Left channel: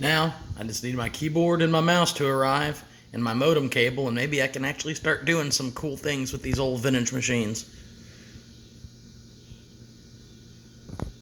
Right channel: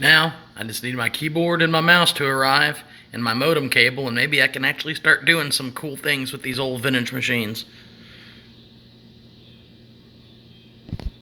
Now, I just need my keyboard and my mouse to arrive, and my modem cable, and maybe I can actually start doing some cool things with these old vintage machines.